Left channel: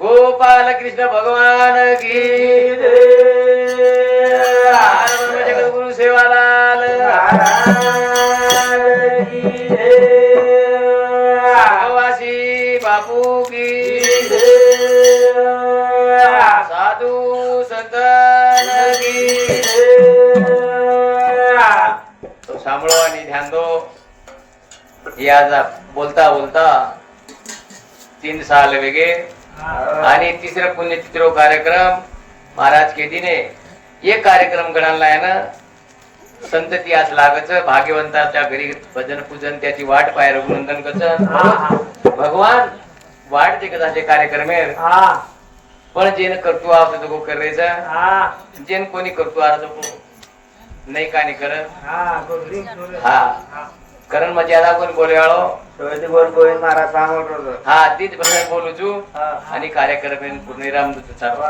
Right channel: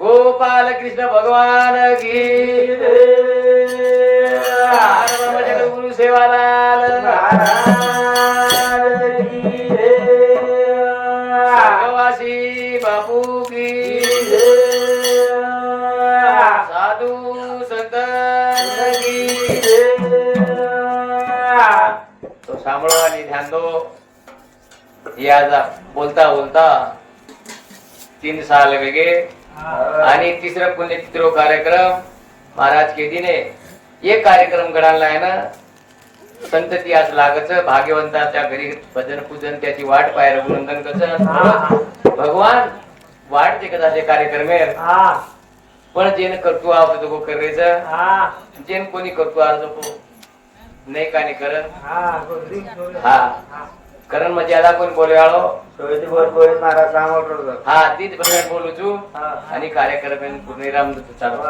गोपाल कृष्ण भगवान की गुरु सेवालाल संगवासी बापू की साधू संतान की तो सांभाळो आणि ध्यान दो. या बोलता बोलता 3 साल वेगे आणि तिसरा पुण्यतिथी कार्यक्रम महाराज के दिने एक कार्यक्रम घडाला आहे ना. संतती आज लागच भाग्यवंताच्या घरी भजन पूजन त्याची वाट पाय रघुनंदन कस भगवान वाट ते कसा कार्यक्रम आहे पण जेन कर्तृ आवत तो करायचं जेन कोणी कर्तृ अर्ज नाही का नाही करत हा करण मर्यादा कोण बोलवाळो गोविंद महाराज सांगतो हा तीच भजन बोलू छू आणि कार्यक्रम पूर्ण रामदूत चालू.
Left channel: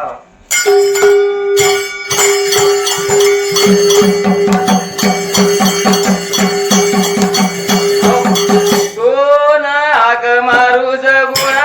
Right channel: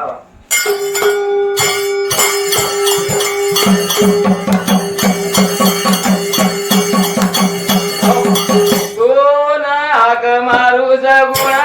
तो नाग मारू जगुणा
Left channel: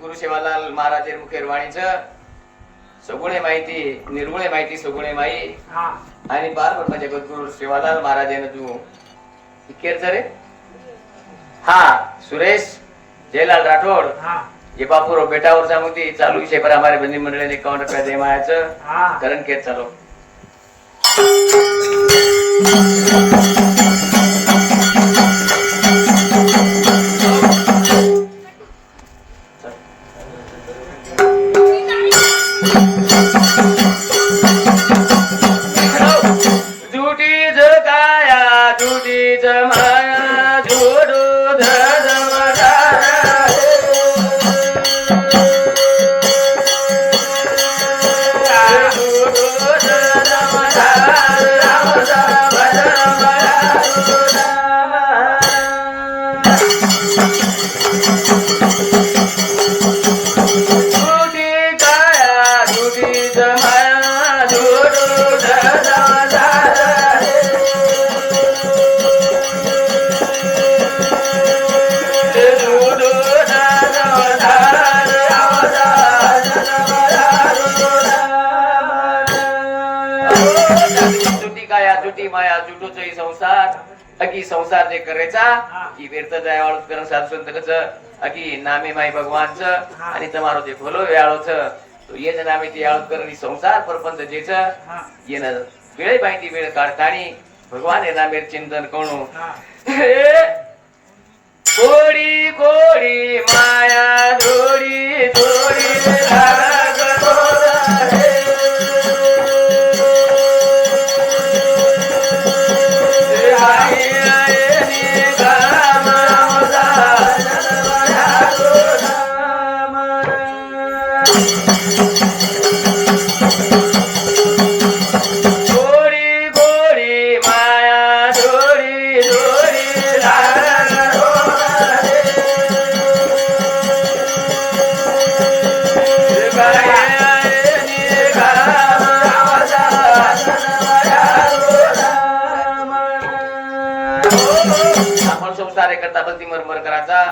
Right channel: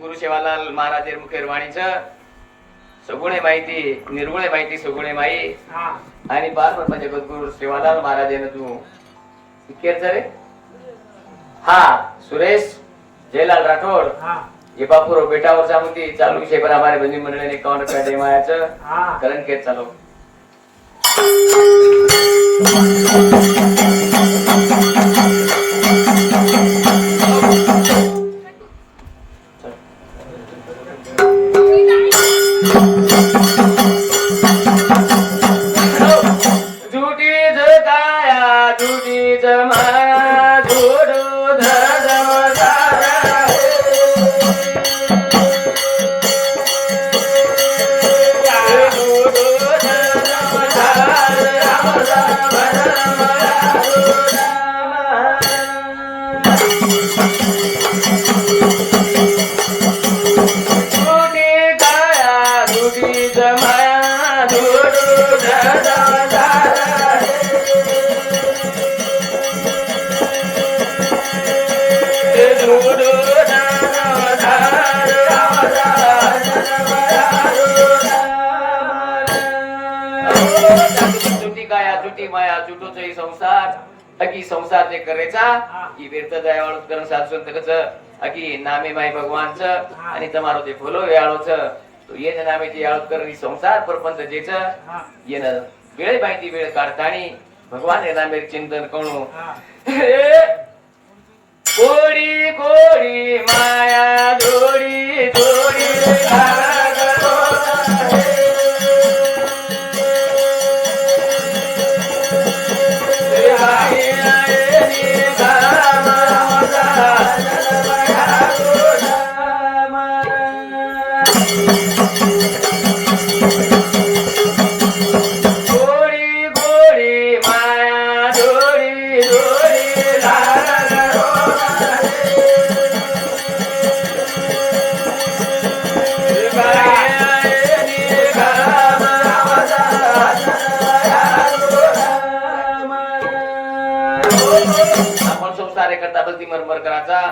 गुरु सेवालाल महाराज मुखेरवाणीचं सगुणे माहिती निर्गुणे माहिती सगुणे माई आणि बार म्हणजे गुरु सेवालाल महाराज तू इकेर रे हा सुरेश जयलाल राठोड ये बापूर बेटावर जामुती चालू विषय पर हमारे बंदी मंडळी ने 51 रुपया दे मायाचं करण केत चालू. संसार जे करायचा ही व्यर्थ दयाळू करण साधू संत अकी नामे माई भगवानचं आणि તમારો જે ભલો વેળો છે તો એને નામે જે આળત કરવાની સંસાર પરપંચ જે છે એને વેળે બાકી વેળ કાઢતાની ભગવાન એ નામે ચિંતન કરણું કોડી કોડી માયા દોડી દોડી गोरी गोरी माया दोरी दोरी आपण संसार करता भक्ती मरमर करायचा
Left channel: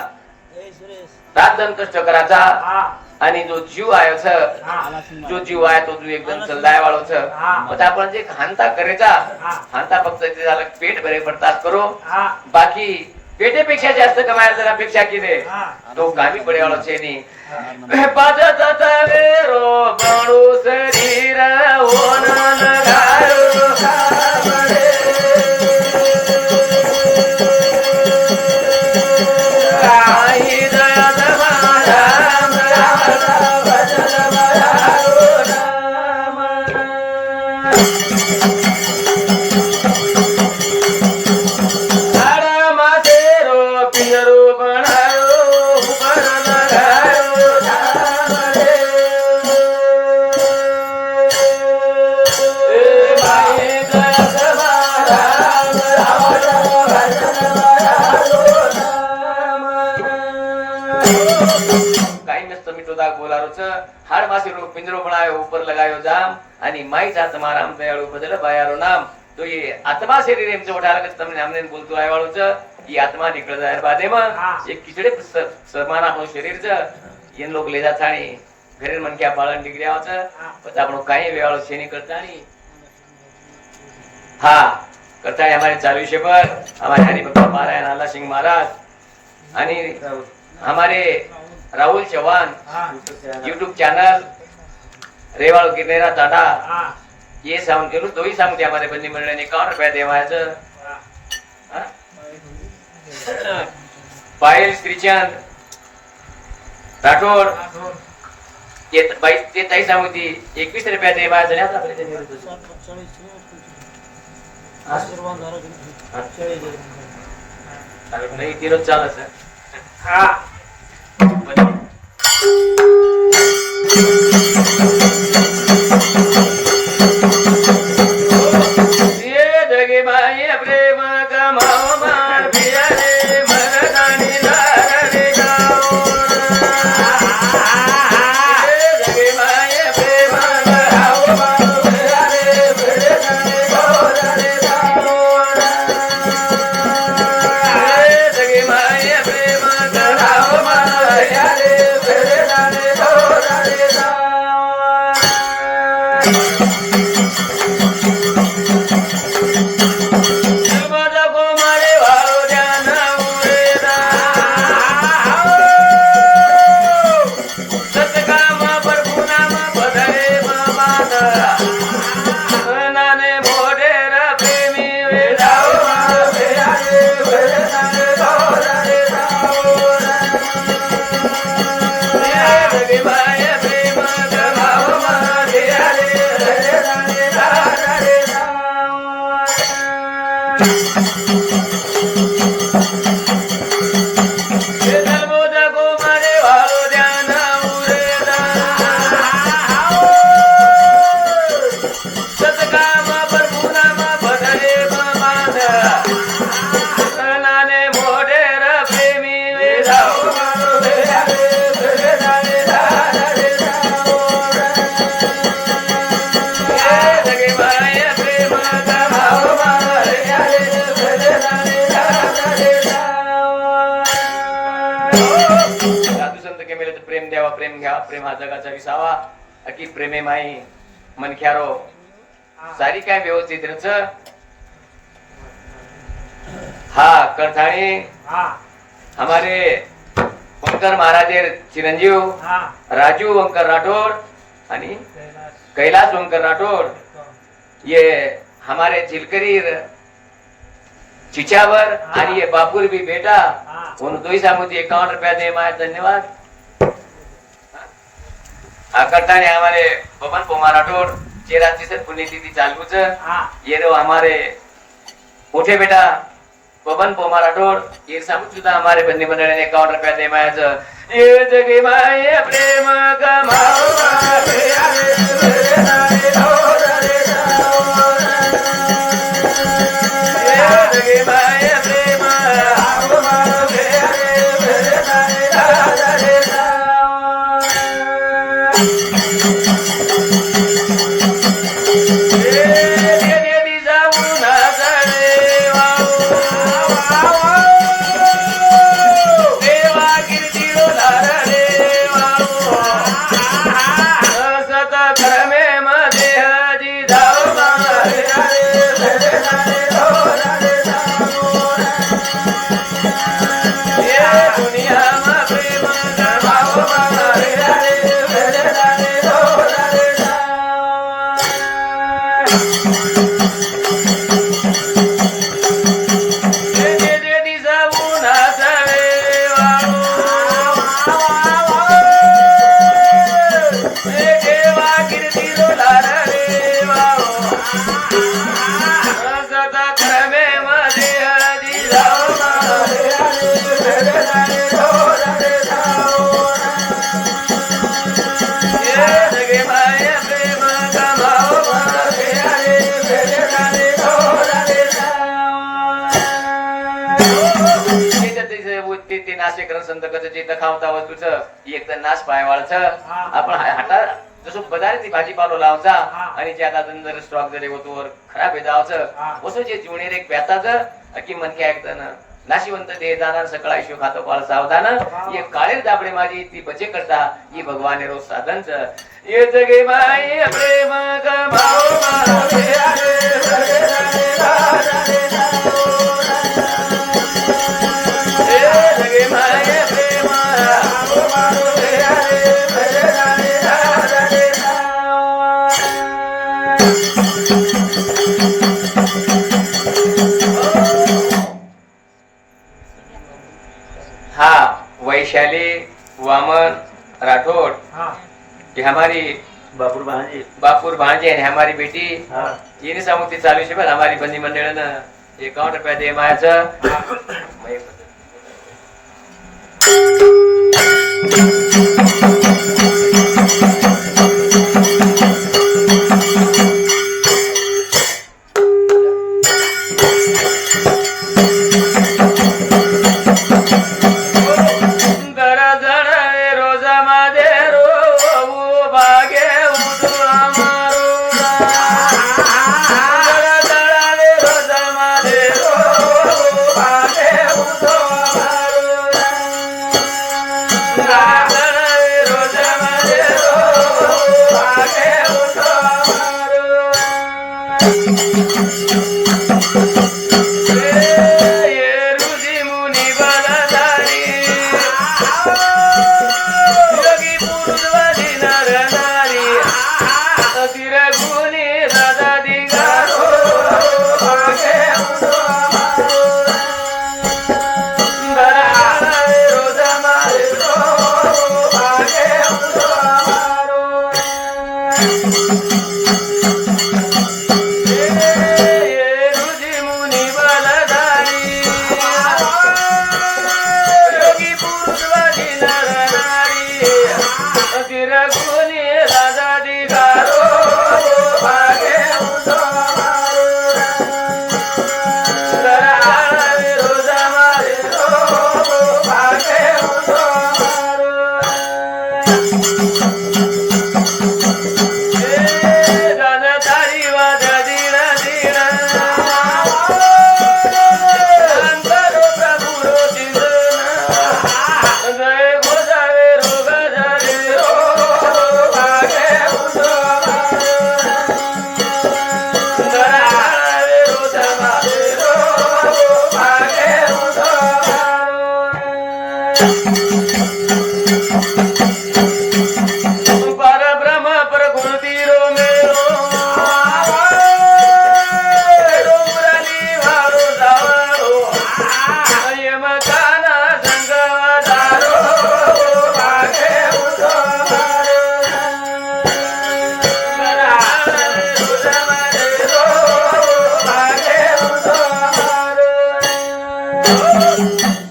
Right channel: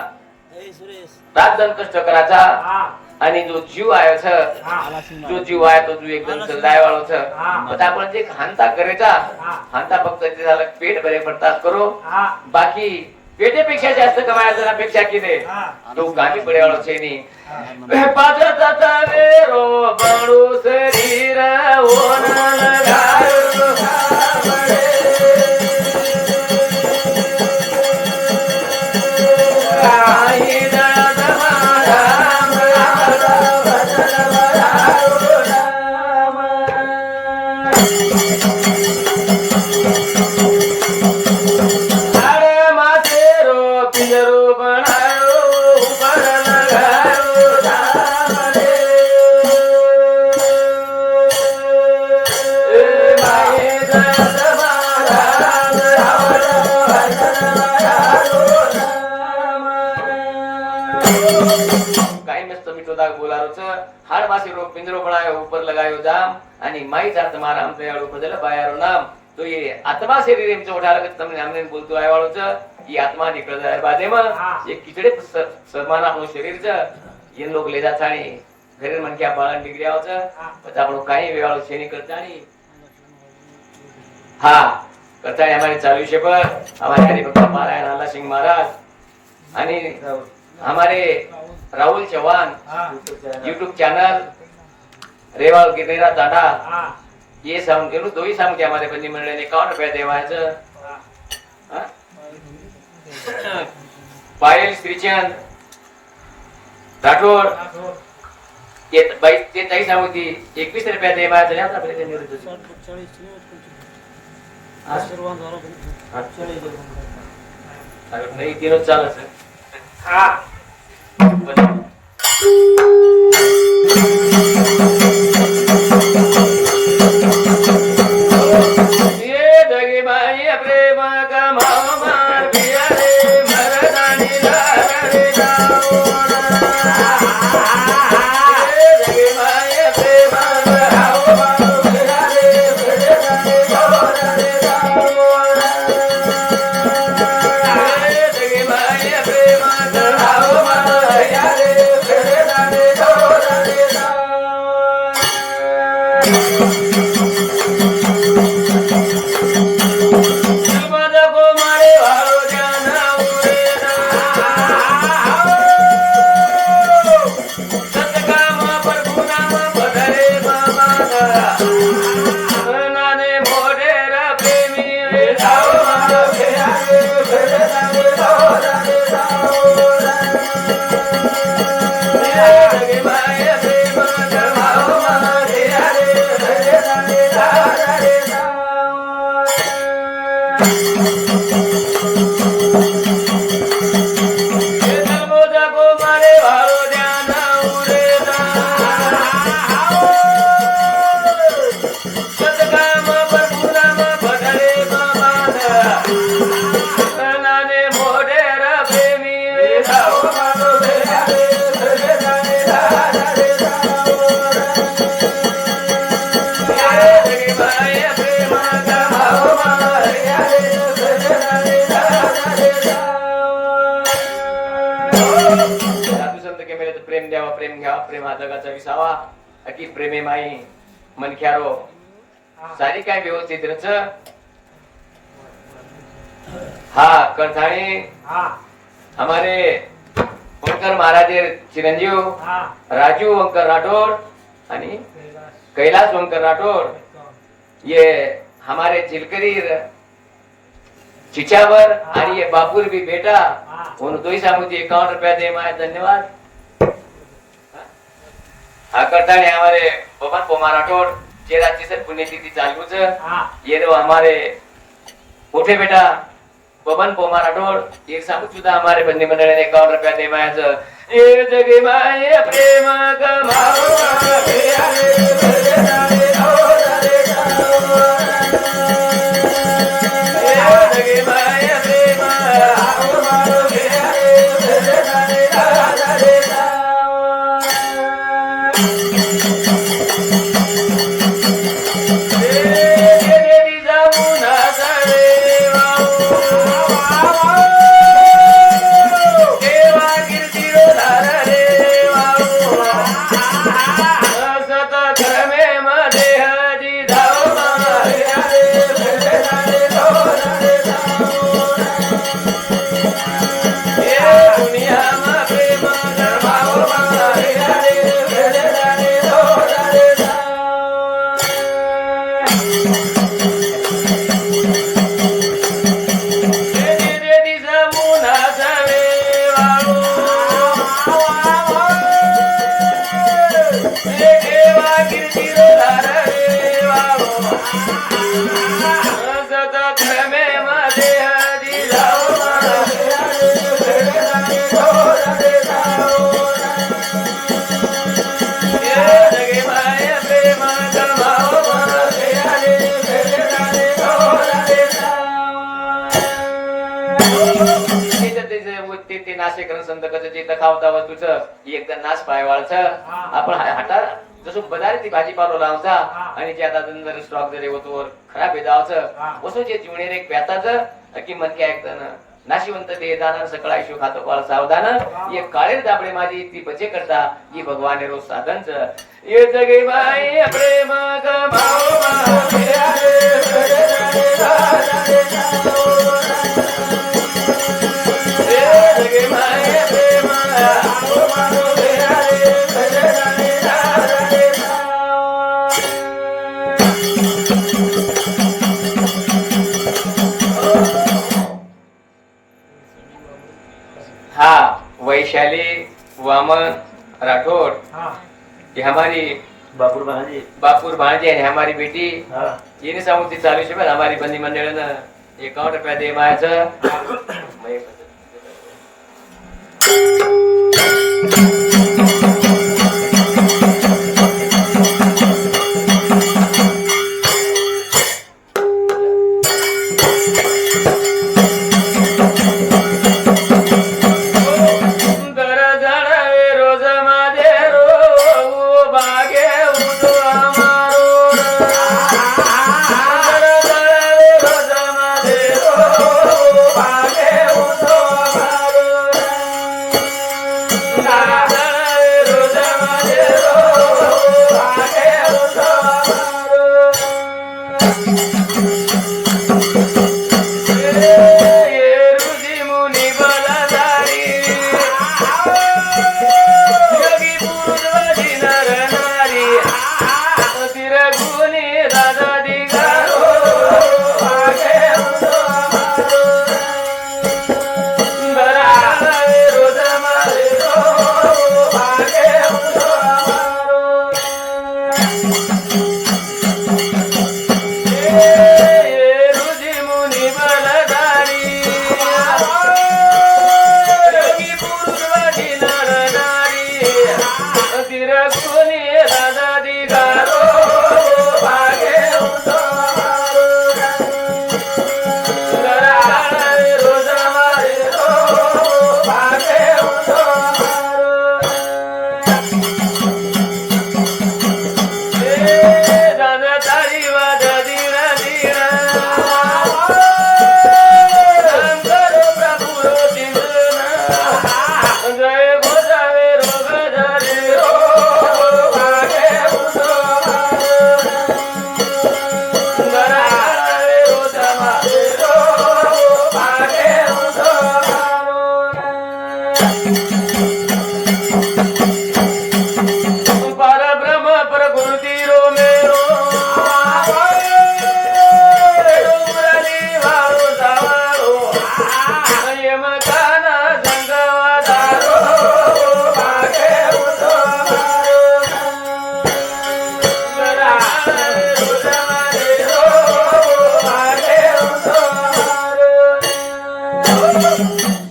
रातदन कष्ट करायचा आणि जो जीव आहे जो जीव आहे तो तू एकदम चलदाय वाळवच आता आपण जे हांता करायचा हांता फक्त ते झालं पेट भरे पडतात करो बाकी पेटेपेक्षा जास्त कमायला जर अपेक्षा केले तो कामी पडेवाळो छे नी पाजत तवेरो बळू शरीर ओनन घायो हाड़ मासे रो पिंजरो बनायो ऊपर लगायो जाम आणि माईच आत्मा राम दयाळू बदल बायारो नाम तो ये आत्मा शरीर एम चोटा लगत तमने हमने बोलतो आहे वाळो छ ये आत्मा निकळ जाय बादे म ये किचडे सरमान आपलो शरीर छ ये लोग ले जात आणि घरे मन क्या बाळन निकळ्या छ पता आपलो काही वेळो शेनी करतानी हा करतानी हमारे 40 पर हमारे हरिभक्त महाराज लाला सिंह महाराज आणि हमारे राहुल चौहान यूट्यूब चैनल रेवाल गिरनेरा दादा ये साउंड केलू दो ही साउंड हमारे बंदी मंडळ ने 51 रुपया देवायचं पायल श्रीचंद राठोड ये बाई ते ताई सामुती 21 रुपया देवायचं आता आपले ते निवृत्त 40 आशीर्वाद झाला की 48 नाही तीनच चालत हा की प्रेमे माई मनख्यारो सारी काय व्यवस्थित रच हा करथाणी हमारे वंकर महाराज चिरंजीव राजू वंकर राठौड़ आणि कैलाश वंकर राठौड़ ये हमारे चिलकरी चिचावर आणि ये बापुर भी बेटा उन दोई सामुती 51 रुपया दे माय धन्यवाद करताने हमारे पवन पोमा राठौड़ चेराची सर पुण्यतिथि चालूच ये रो हमारे मोठे बेटा पवन पोमा राठौड़ एक सामूत सुद्धा हमारे बंदी मंडळ ने 51 रुपया दे मायच ये जगी माय प्रेम गमाओ ये जगी माय प्रेम नाशेकरण संतकचं जे दखावता वस्तूचं एक तर नाश पायवाळचं आपण हाटा जसं बजारी ती भाजीपालो लावचा आणि जे आता जर स्टॉक जरी होतो खराब जावचं असं जे जुने एक प्याताचं की मन काय ऐकतं नाशिवंत ते जाणार सकाळी शिव खातो पाळ सावधान ये काळे दाबडे माझी ती बचे करता ही भगवान रोज साधनच ये जगे माई प्रेम गमाओ हाँ वैशाली वामन राठौड़ ये हमारी बापूर भांजी भांजी है हमारी बेटी ये नहीं सामुती 40 रुपये हमारी बंदी मंडळ ना 51 रुपया दे मायाचं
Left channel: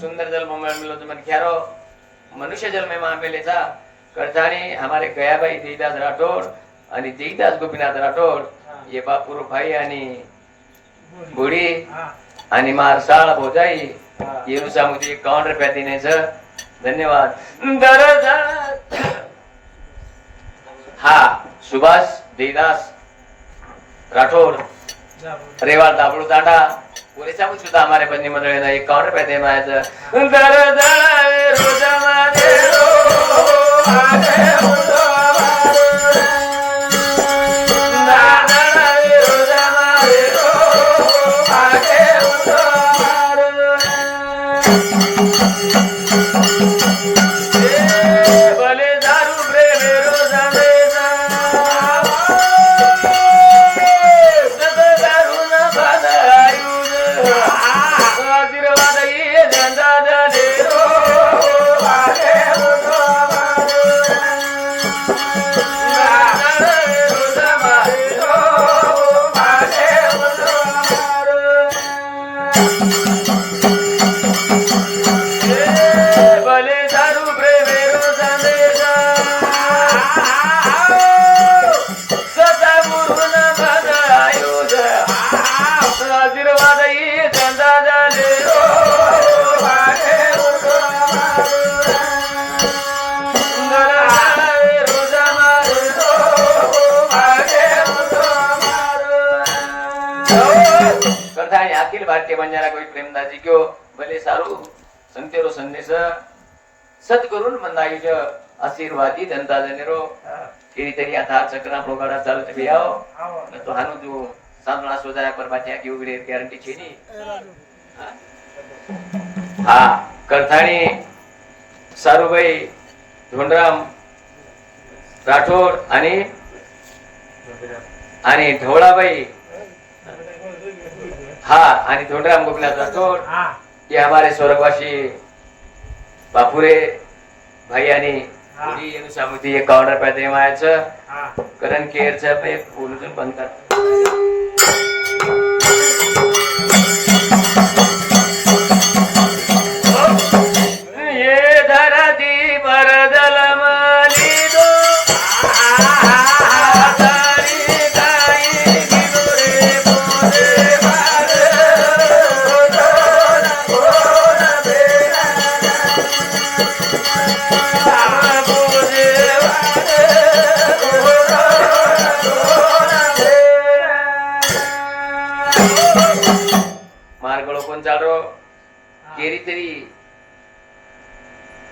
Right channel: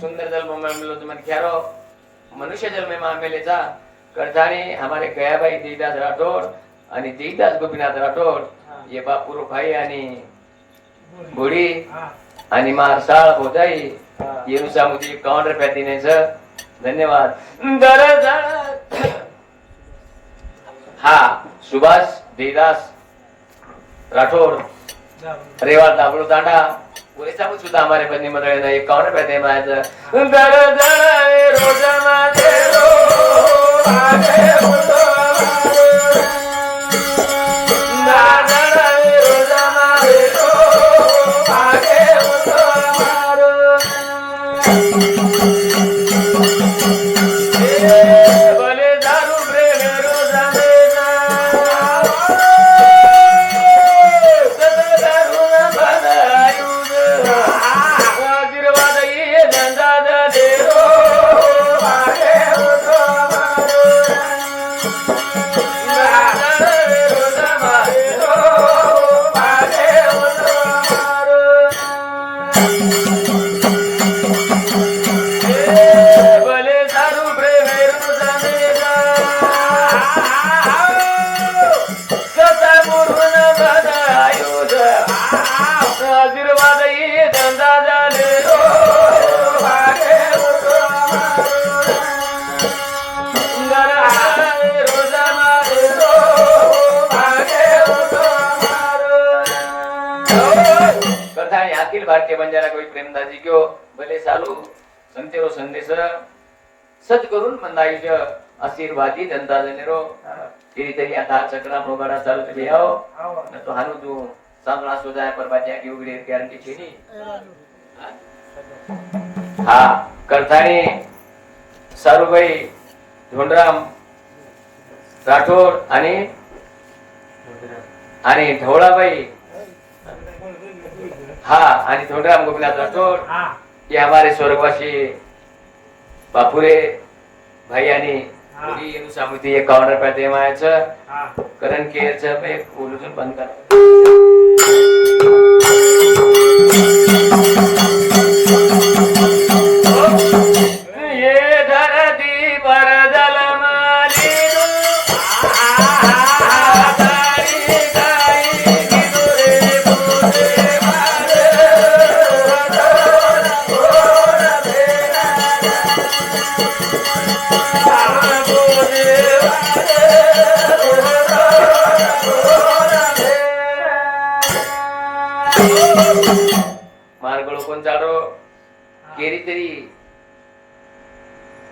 सुंदर जल मिलो तो मन क्यारो मनुष्य जल में मामेलेचा करजाने हमारे गयाबाई देवदास राठौड़ आणि देवदास गोपीनाथ राठौड़ ये बापूर भाई आणि बुडी आणि मारसाळ भोजाई ये नुसामुदी 51 रुपया देण्याचं धन्यवाद हा सुभाष देवदास राठौड़ रेवाड़ दाबड़ू तांडा पुरेसा सुद्धा हमारे बंदी मंडळी ना 51 रुपया दे मायाचं કે મંજારા કોઈ પ્રેમદાસજી કયો ભલે સારું સંતેરો સંદેશ સત કરું મંદ આયુષ્ય આશીર્વાદી જનતા જનેરો એ રીતે યાથા ચક્રા પ્રોગાડા ચાલુ છે આવો ન તો હાનું જો સાંભળા સોજાયા પર બાત્યા કે ઉગડે ગેરંટી છે ની હા કરથાણી સારુભાઈ ધોંડરામ રાઠોડ आणि ढोळाबाई हाँ आणि धोंडराम गोपीनाथ राठोड ये हमारे स्वर्गवासी बापुरे भाई आणि थोडी सामुती 51 रुपया देवायचं करण केअरचं पे बोलून बनतात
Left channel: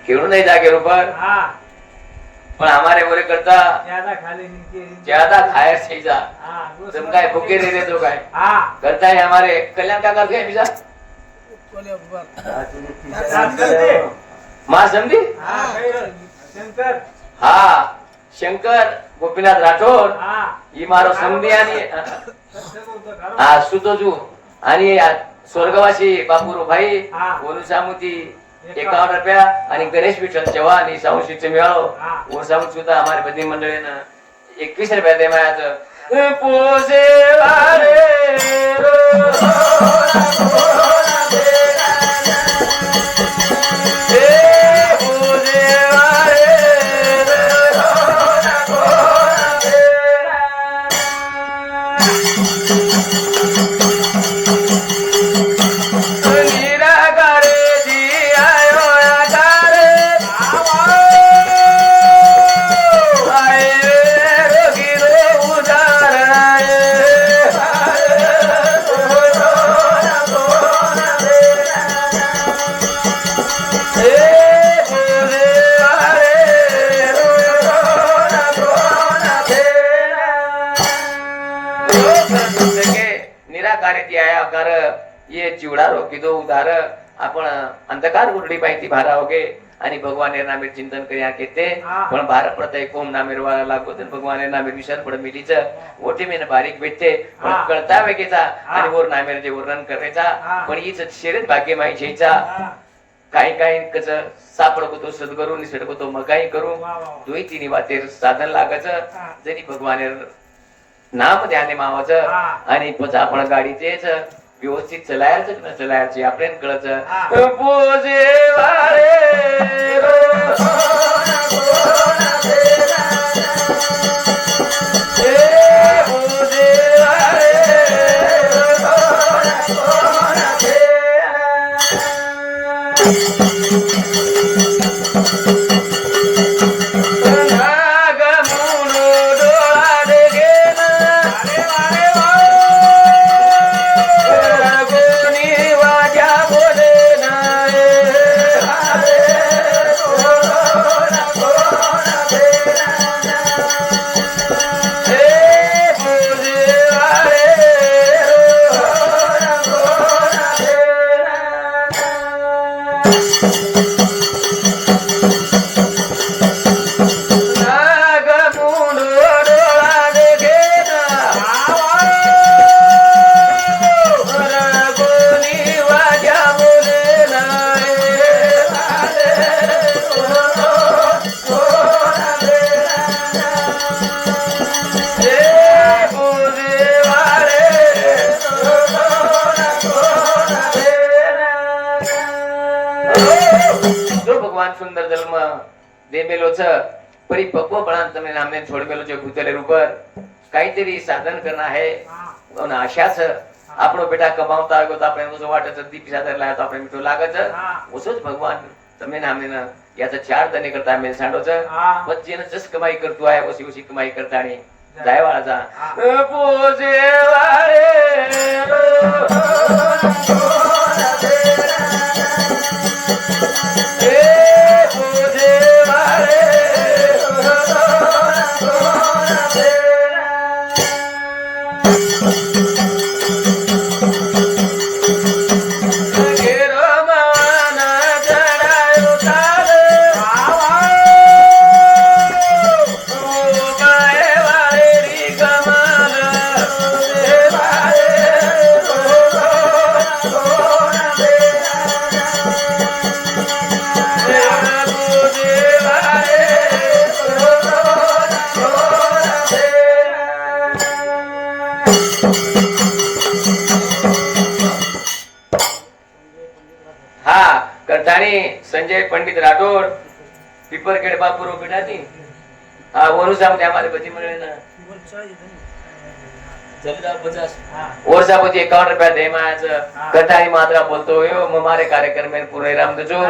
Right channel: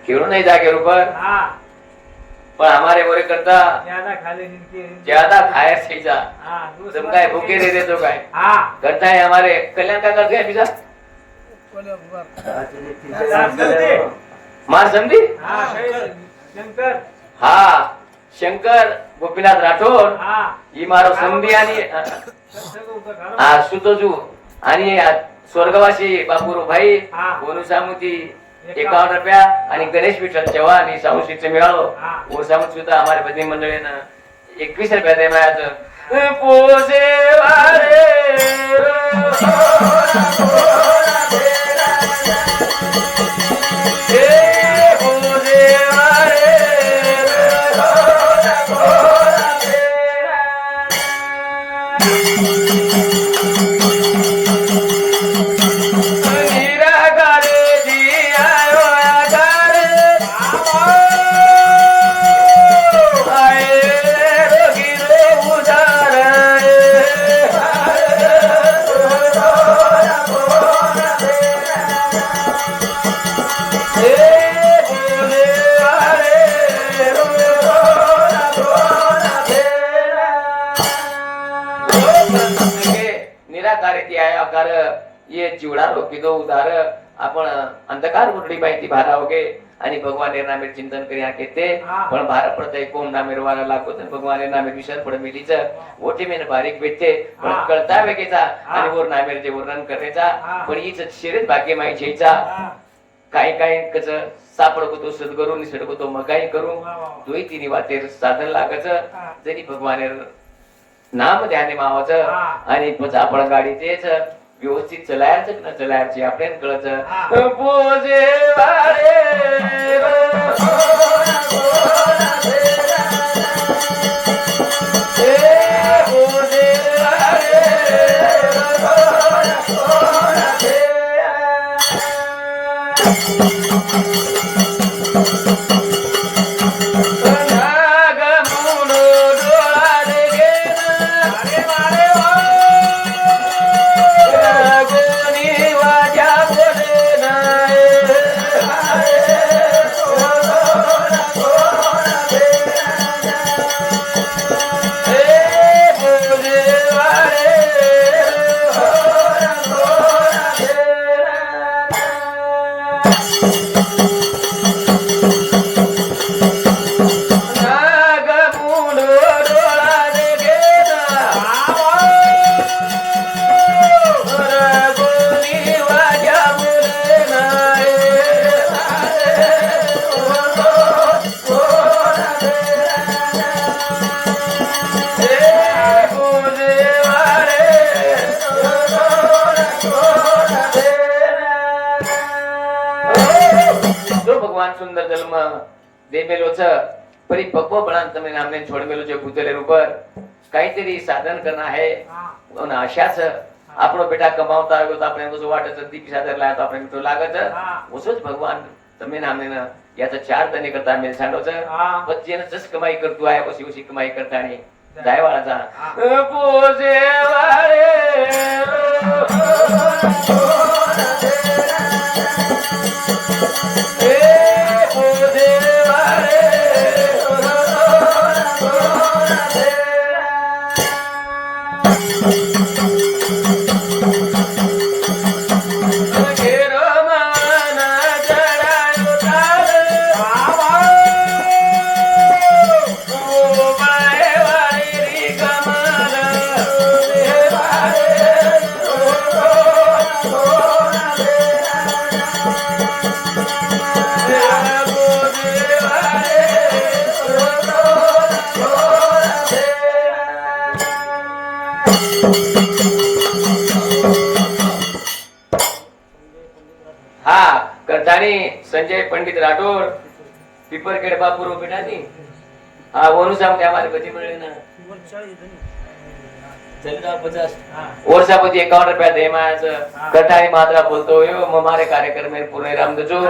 केळू नहीं जाके ऊपर पण हमारे ओरे करता ज्यादा खायर से जा तुम काय भूखे दे देतो काय करता है हमारे कल्याण का करते हैं बीजा मां समझी शंकर हाँ शंकर गोपीनाथ राठोड ही मारो समधी आणि हा सुतोजू आणि स्वर्गवासी बापूरो भाई गोनू सामुती 51 रुपया आणि गणेश विठ्ठल चव्हाण आणि सावशीचं मिळालो वो सामूत सुद्धा हमारे बधी मंडळीनं 21 रुपया दे मायाचं पोसे वारे ये चिवडा रोकी दो उदार आपण अंधकार उरली पाहिजे भारावगे आणि भगवान नामे चिंतन करिया केते पण भार प्रत्येक कोम नामे वाला लागो तर भगवान नामे विचार पड मिलीच ओटी मेन बारीक भेटते पण कळता वेगेचा आणि वर नामे जे वर्णन करायचा पण हीच शेडत भाग्य माई छेचा काही काही कच सापडको तो सद्गुरु नि सडको तो मगाई करू दोई तिनी वाते साधन लागाच जरी भगवान नाम ध्याने मावाचं आणि पच आपण गाडीचेच व्यवस्थित चलायचं न चलायची आपल्याला कळत पोजे सुंदर धर्म देमेलो छ परिपक्व बना तमे नामने छोड़मेलो जो भूतेले ऊपर काहीतरी साधन करना है और आशा छ આપણો બેટા કમાવતા આવ્યો તો આપણે તો વાટે દીપ સાથે લાયા તો આપણે તો લાગે છે ઓછો જ ભગવાન તમે નામે યાતા 4 દને કરતા મેલ સાંડો છે પછી એને જસ કમાઈ કરતું આયા પછી ઓછી કમાઈ કરતા ની જાય વાળા જા પોજે વારે शाणी संजय पंडित राठोड पिपरखेड बापूर बेटाती हाँ वो साहब ने हमारे बच्चे मिले ना चल रहा 50 वर्षा પછી 51 रुपया दे मायाचं कथाई मात्रा बोलतो हो हमारे कार्यक्रम में पूरे राम दजो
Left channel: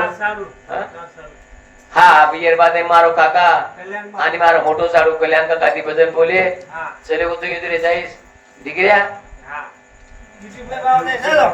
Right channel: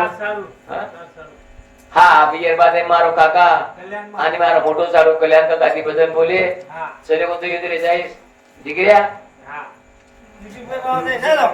हाँ बियर बाद में मारो काका आणि मारो मोटो साडो कल्याण काका दी भजन बोले चले वो तो इधर जाइस दिख गया YouTube में बात है चलो